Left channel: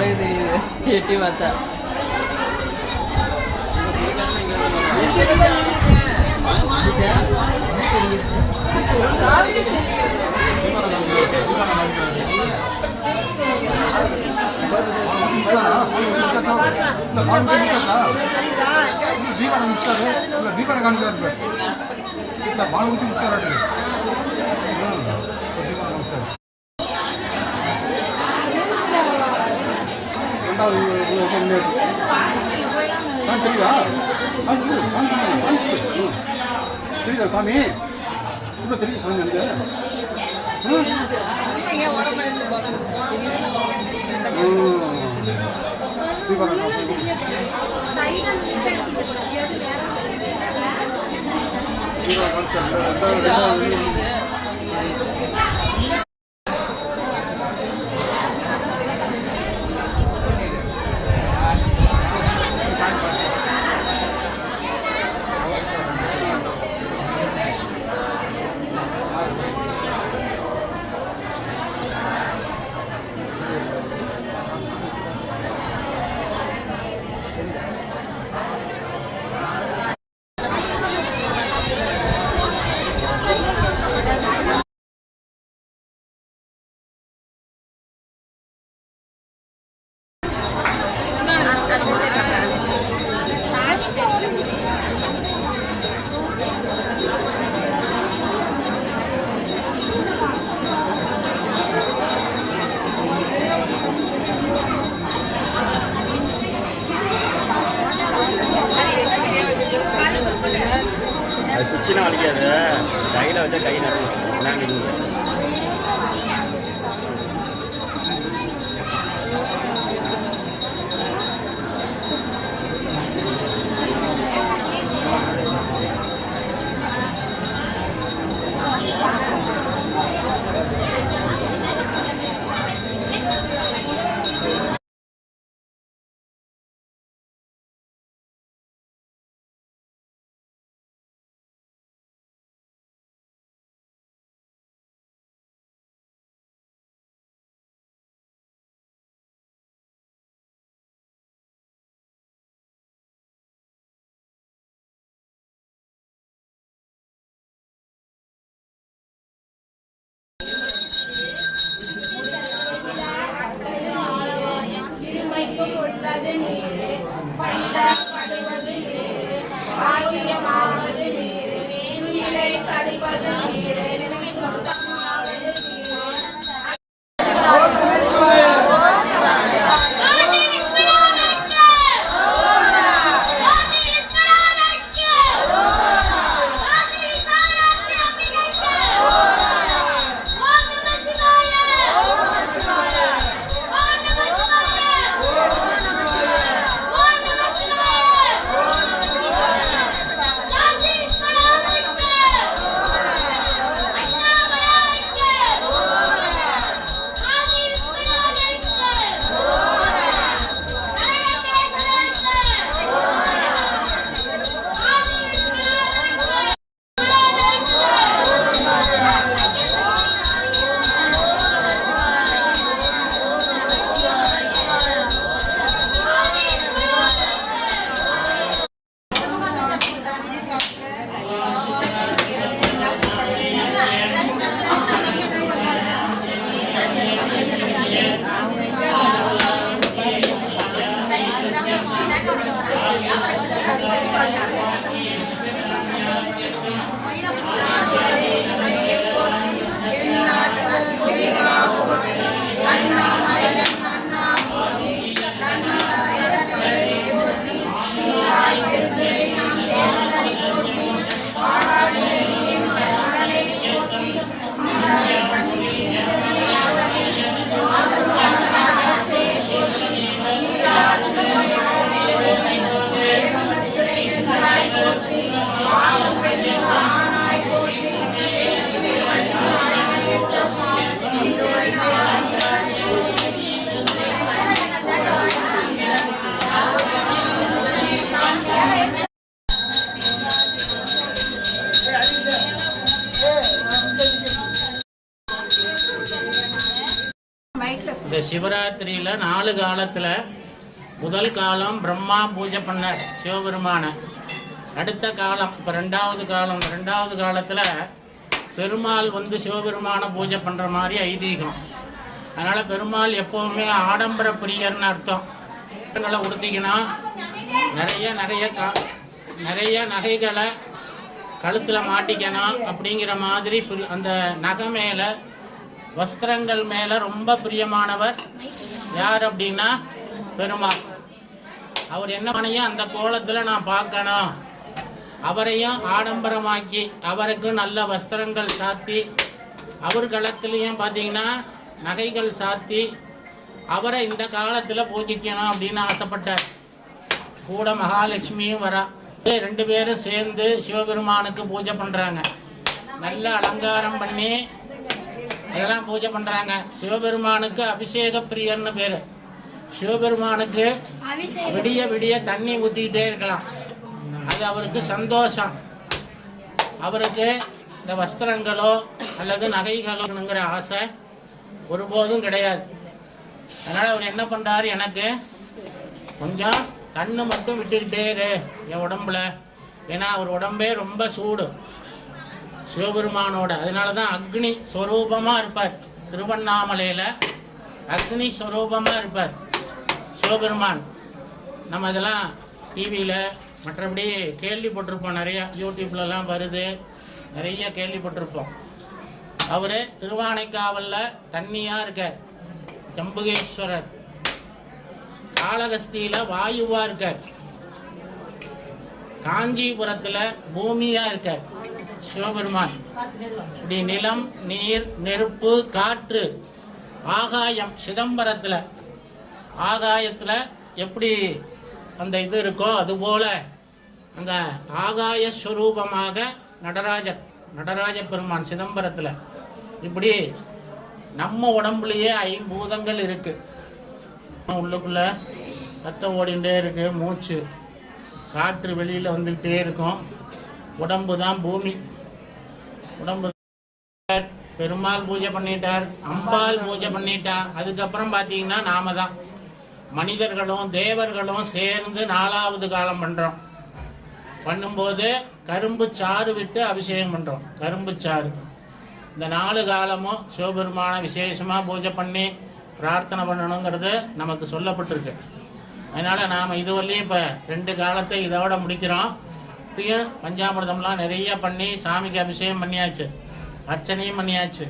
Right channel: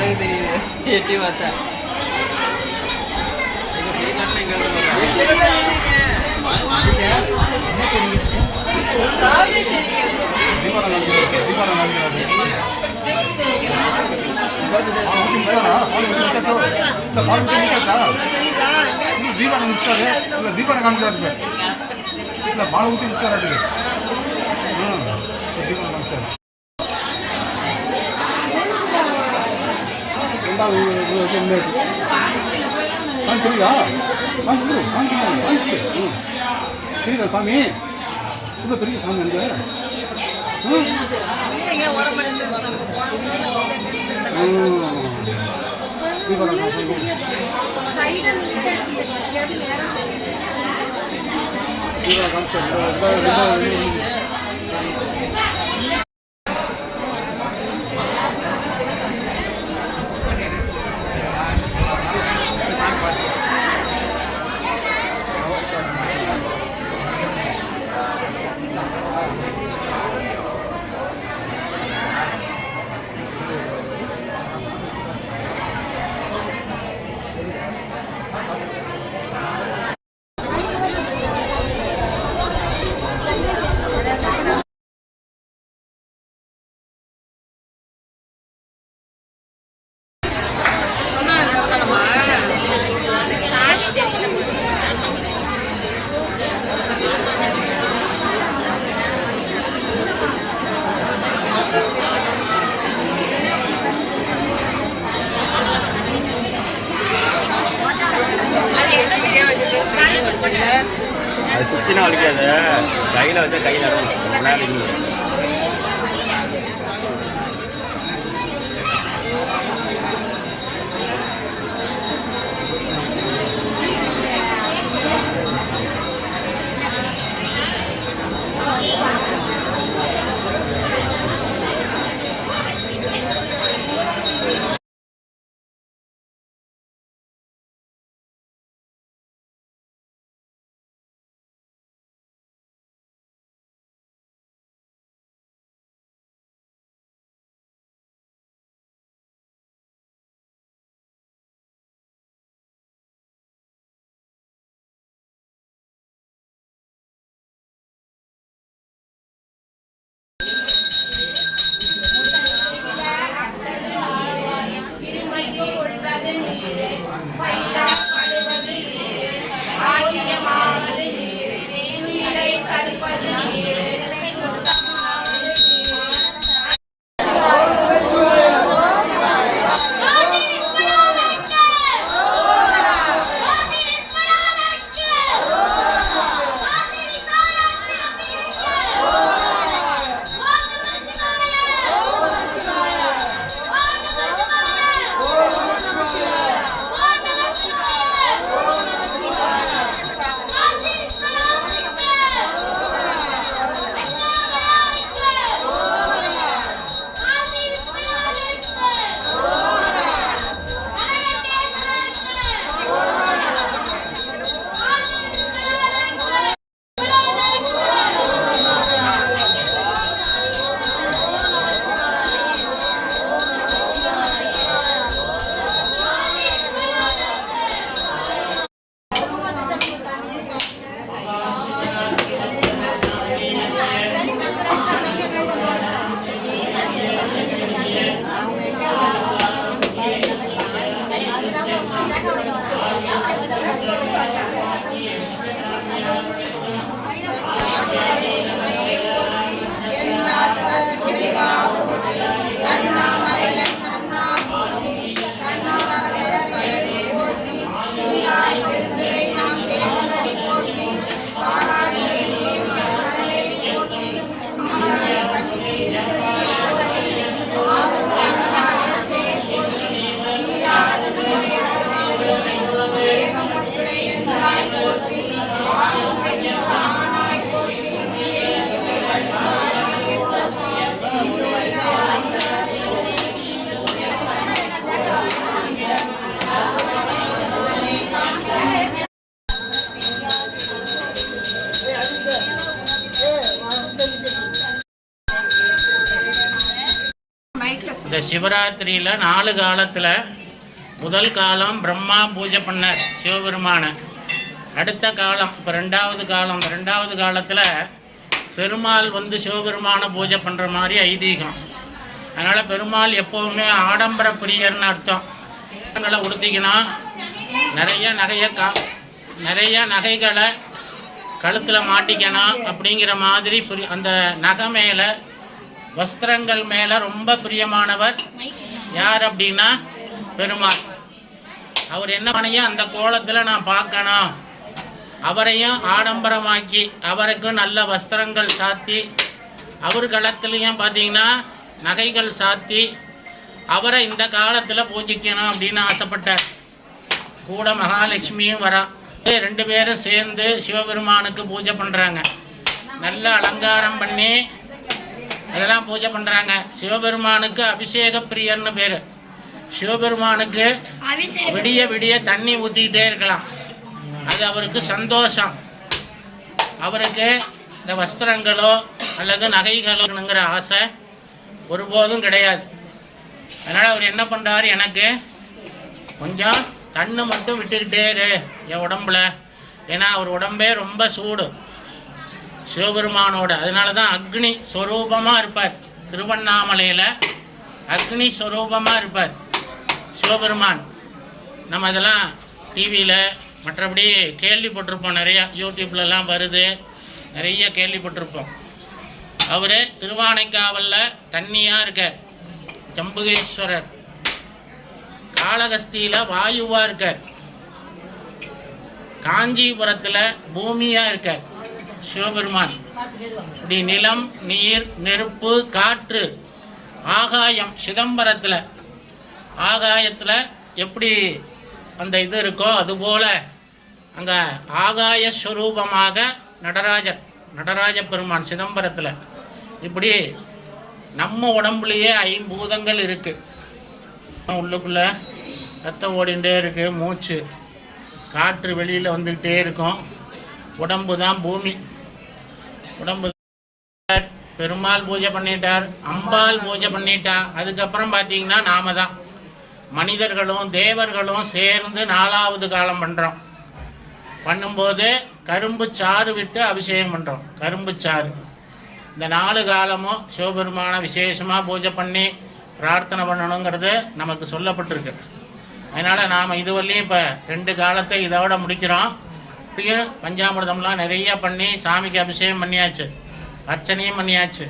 படகு தெரியுது எட்டி பார்த்தா. தீபாவளி முடிச்சாரு இல்லை தீபாவளி காமிச்சாரு இல்லை பாலை ஊட்டி முடிச்சாரு அது தீபாவளி காமிச்சாரு. ரெண்டாவது தெரியுதா தெரியுதா சாமி ரொம்ப தெரியுது சாமி அது குச்சினா அழிக்காது கையில் வச்சு கையில் சிவராத்திரியில் 4 காலத்தில் முதல் காலம் பிரம்மா பூஜை பண்ணார் சிவபெருமானை. அடுத்த காலம் இப்போ 2வது காலம். 2வது காலத்தில் பெருமாள் வந்து சிவபெருமானை பூஜை பண்ணுற மாதிரி ஐதீகம். அதனால் பெருமாள் எப்போவுமே ஆடம்பர பிரியர்னு அர்த்தம். உடுத்திக்கணும், நிறைய நகைகளை கழுத்தில் மாட்டிக்கணும் அப்படிங்கிற மாதிரி அந்த நகை மேலே வஸ்திரங்கள் மேலே ரொம்ப பிரியமானவர் யார் அப்படின்னா பெருமாள். அவர் என்ன பண்ணையும் அந்த கோலத்தில் நான் பார்க்கணும், அவரையும் ஆடம்பரமாக்கி அவருக்கு நல்ல வஸ்திரங்கள் சாத்தி அவர் களத்துலேயும் பார்த்தீங்கன்னா நகைகள் சாத்தி அவரை இந்த காலத்தில் பூஜிக்கணும் அப்படின்னு ஆசைப்பட்டார். கூட மகாலட்சுமியும் வரா. 2 பேரும் சேர்ந்து சிவபெருமானுக்கு பூஜை பண்ணுறாங்க. நல்ல அலங்காரம் பண்ணி அதெல்லாம் பூஜை பண்ணுறாங்க. சிவபெருமானுக்கு அபிஷேக பிரியர்னு பேர். சிவபெருமானுக்கு விடிய விடிய தண்ணி ஊற்றிக்கிட்டே இருக்கலாம், அது அவருக்கு சந்தோஷம். அவருக்கு இந்த வஸ்திரங்களோ அல்லது நகைகளோங்கிற ஆசை ஒருபோதும் கிடையாது. அதனால் அவர் என்ன பண்ணுறாரு, எனக்கு கொஞ்சம் தண்ணி மட்டும் விட்டுக்கிட்டே இரு என் உடம்புல. ஏன்னா அவர் உடம்பே ரொம்ப சூடு சிவபெருமானோட. அதனால தான் அக்னி ஸ்வரூபமாக இருப்பார். திருவண்ணாமலையில் அக்னி ஸ்வரூபமாக இருப்பார் சிவபெருமான். நம்ம இதெல்லாம் டிவியில் மற்றபடி கேள்விப்பட்டிருப்போம், நிறையா யூடியூப்லலாம் வருது, நிறைய கேள்விப்பட்டிருப்போம். அவர் திருவானைக்காவலில் தண்ணியாக இருக்கார், ஜம்புகேஸ்வரர். காளகஸ்தியில் வாயுவாக இருக்கார், காஞ்சிபுரத்தில் பூமியாக இருக்கார் சிவபெருமான். இப்படி நிலம், நீர், நெருப்பு, காற்று, ஆகாயம். சிதம்பரத்தில் ஆகாயத்தில் எப்படி அந்த இது இருக்கோ அதுபோல் அங்கே ஆகாய ஸ்வரூபமாக நடராஜ பெருமான் சிதம்பரத்தில். இப்படி நம்ம உடம்புலையே 5 பூதங்கள் இருக்குது. உள்ளுக்குள்ளே ரத்தம் ஓடிகிட்டே இருக்குது, மூச்சு, காற்று வெளியில் வந்துக்கிட்டே இருக்கும். உடம்பு தான் பூமி. உடம்பு பெருமாள் பூஜை பண்ணிட்டார், அம்பாள் பூஜை பண்ணிட்டா. அதுக்கப்புறம் பார்த்தீங்கன்னா நாம தான் மனிதர்களும் தேவர்களும் சேர்ந்து 4வது காலம் பண்ணுறோம். பண்ணும்போது கரும்பு சாறு விட்டு அபிஷேகம் பண்ணுறோம். கரும்பு சாறு. இந்த 4 காலமும் சிவபெருமான விசேஷமாக பூஜை பண்ணி பிரார்த்தனை பண்ணணுங்கிறது நமக்கு சொல்லப்பட்டிருக்கு. அதனால் நாம் இதுவரையும் இப்போ 2 காலத்தை இதோட முடிக்கிறோம். இப்பயும் பஞ்சாமிர்தம்லாம் நிறைய பண்ணி சாமிக்கு அபிஷேகம் பண்ணியாச்சு, அர்ச்சனையும் பண்ணியாச்சு,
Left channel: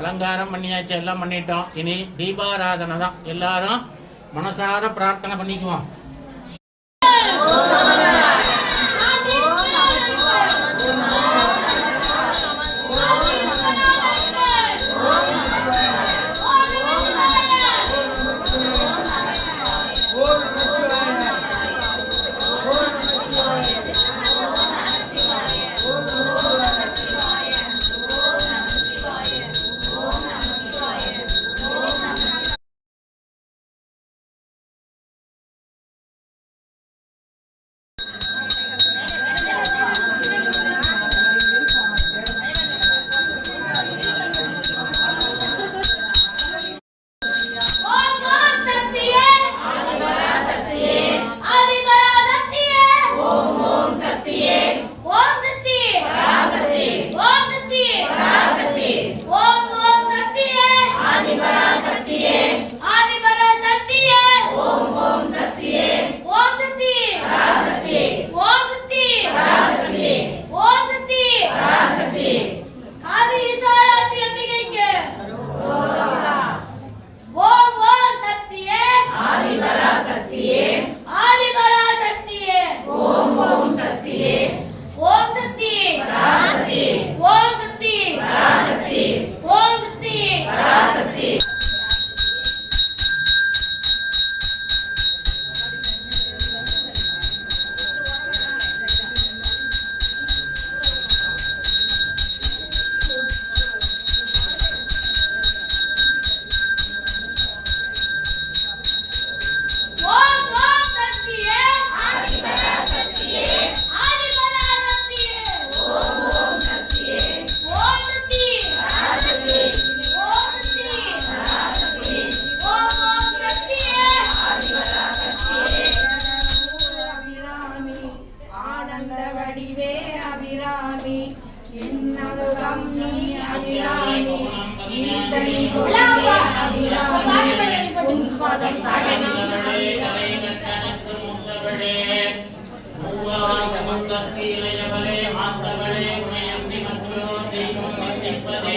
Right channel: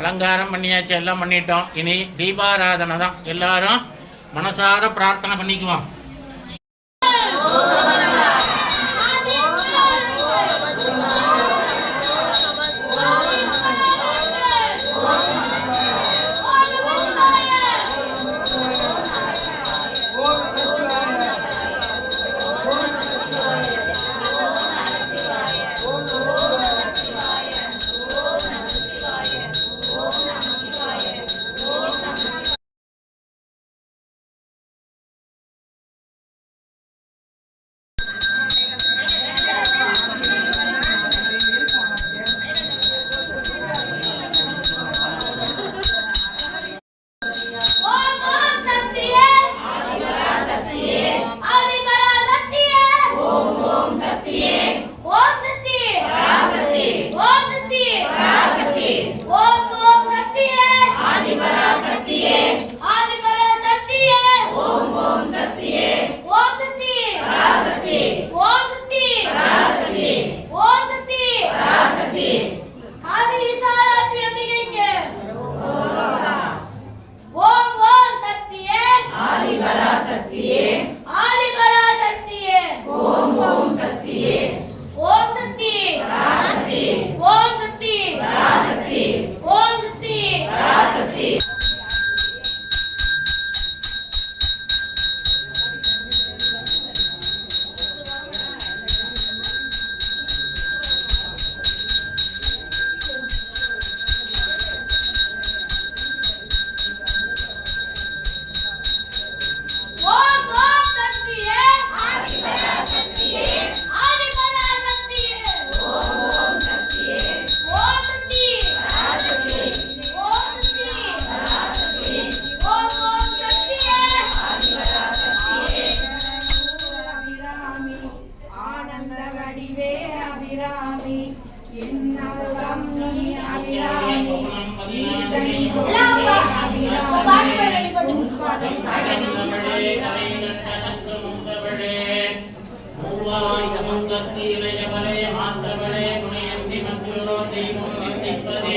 அலங்காரம் பண்ணியாச்சு, எல்லாம் பண்ணிட்டோம். இனி தீபாராதனை தான். எல்லாரும் மனசார பிரார்த்தனை பண்ணிக்குவோம். அகந்தவளே கலை கண்டனத்து முத்தவளே மூவாய் முகத்தி இளையவளே மாத்தவளே உனையன்றி மற்றோ தெய்வம் நிந்திப்பதே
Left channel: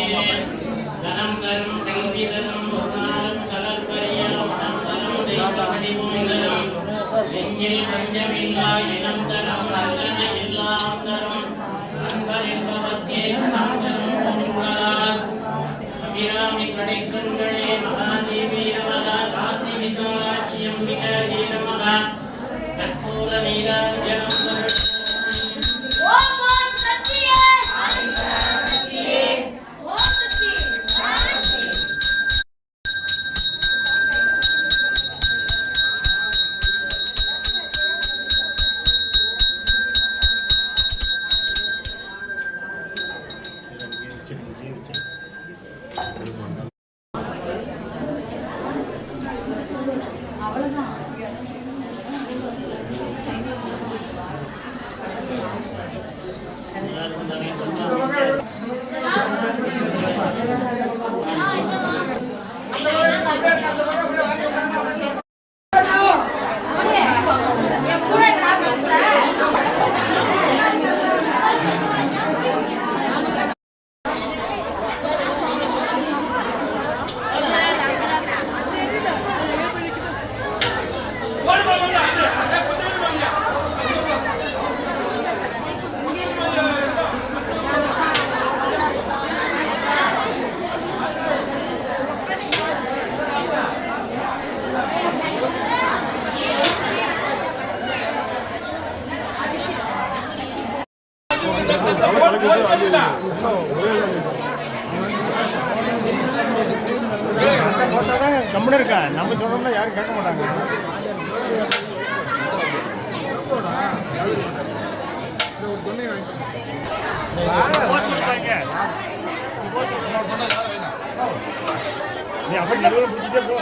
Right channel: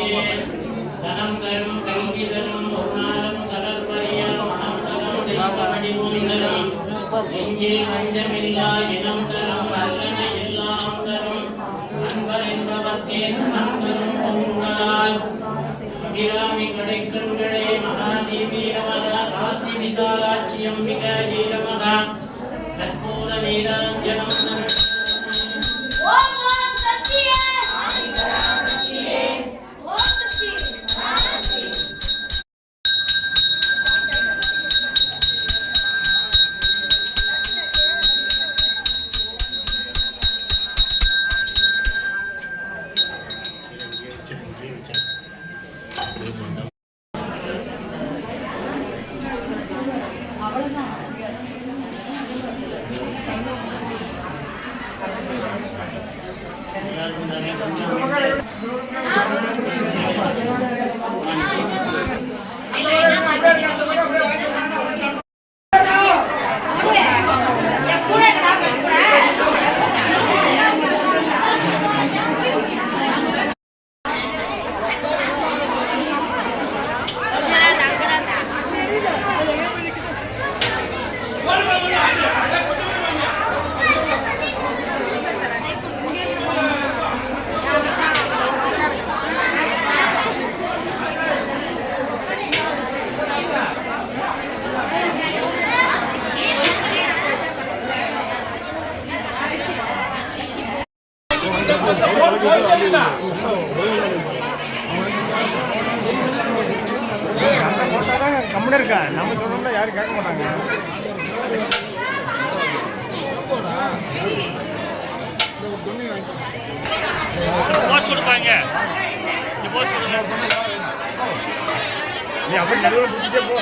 தனம் தரும் கல்வி தரும் ஒரு நாளும் கலர்பரிய மனம் தரும் தெய்வ வடிவும் தரும் நெஞ்சில் பஞ்சமில்லா இனம் தரும் நல்லன எல்லாம் தரும் நண்பர் என்பவர்க்கே குணம் தரும் பொருளால் அபிராமி கடைக்கண்களே மகாதேவி நமகா காசி விசாலாட்சி அம்பிகா நமகா கற்பூர நீராஞ்சனம் ஓம் சக்தியே ஓம் சக்தி கம்முன்னு இருக்கா நம்ம சொன்னா யாரும் கேட்க மாட்டாங்க. போஸ்ட் கொடுப்பாங்க நீ போஸ்ட் கொடுங்க நீ அப்படி நடுவில் பிடிச்சிட்டே போ.